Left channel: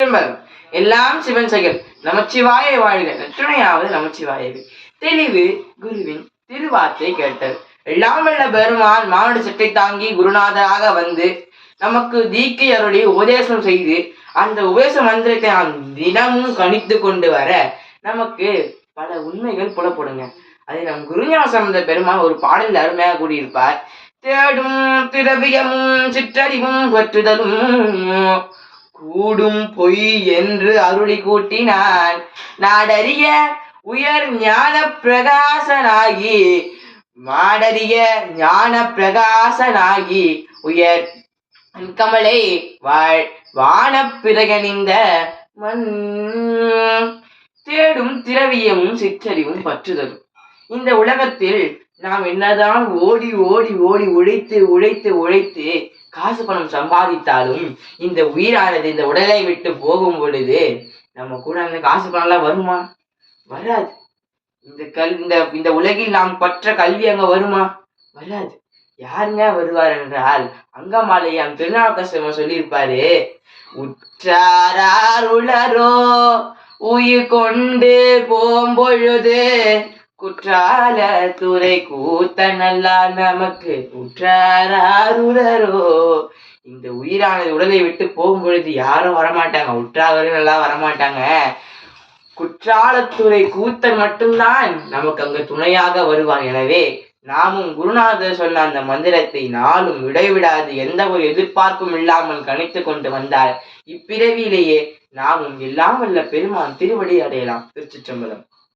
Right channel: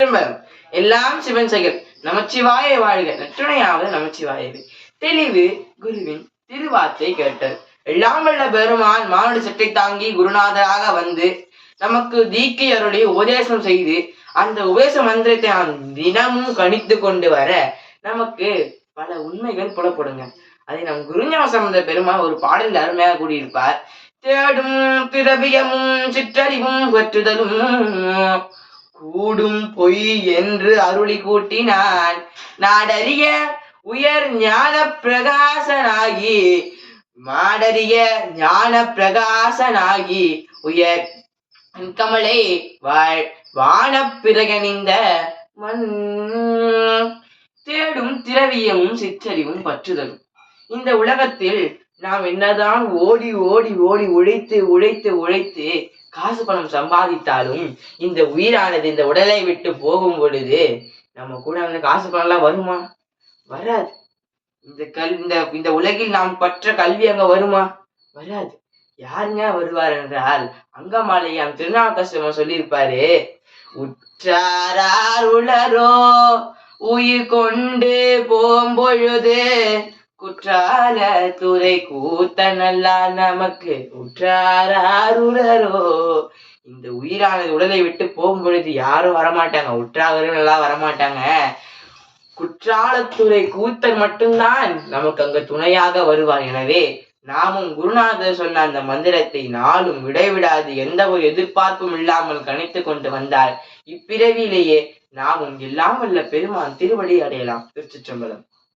எல்லாம் சிவன் செயல். நமச்சிவாய வாழ்க. நற்றுணையாவது நமச்சிவாயவே. தெளிவு குருவின் திருவார்த்தை கேட்டல். எல்லாம் வல்ல பெருமான் மானுட சட்டை தாங்கி குருநாதராக வந்து நமக்கு தீக்கை அருளி உபதேசம் செய்து அந்த உபதேச மந்திரத்தை நாம் தினமும் கணித்து கொண்டு வர நமக்கு பல உண்மைகள் புலப்படுங்க. அதை நம் குருஞான சம்பந்த பெருமான் ஒரு பாடலில் அருமையாக கூறியிருப்பார். தேடும் திரவியமும் சிற்றறிவும் பற்றுதலும் கூடும் பொய் என்று அருளி கூட்டினான். நாடறிய உயர் ஞான பிரகாசனாகி மாடறிய ஞான பிரகாசனாகி உயர் கமலை வாழ் வான பிறகணிந்த மண். தேடும் திரவியமும் சிற்றறிவும் பற்றுதலும். இந்த உலகத்தில் நாம் என்னதான் ஓடி ஓடி ஓடி உழைத்து உழைத்து உழைத்து காசு பணம் சம்பாதித்தாலும் இந்த உயிரானது இந்த உடலை விட்டு போகும் பொழுது நம்ம கூட அந்த காசு பணம்லாம் வருமா? வராது. இந்த உலகில் நாம் பற்ற கல்வி அங்க வருமா? வராது. யாருங்க வருவார் என்றால் அங்கமாலையான் திருநாவுக்கரசர் சொல்லியிருப்பாரு. உற்றாரார் உளரோ உயிர் கொண்டு போம்பொழுது குற்றால துறை கூத்தனல்லா நமக்கு உற்றாரார் உளரோ. இந்த உயிரானது உடலை விட்டு போகும் பொழுது யாரும் வரமாட்டாங்க, உற்றார்கள் எல்லாம் வரமாட்டாங்க. குற்றாலத்துறை கூத்தன் மட்டும்தான் நமக்கு அங்க துணையாக வருவான். எனவே நாமும் குருநாதர் சொன்ன அந்த மந்திரத்தை நாளும் விடைவிடாது எந்த ஒரு எதிர்பார்ப்பும் இல்லாமல் கணித்து கொண்டு வந்தால் இப்பிறவியிலேயே நாமும் எல்லாம் வல்ல பெருமான் திருவடி அடையலாம். திருச்சிற்றம்பலம்.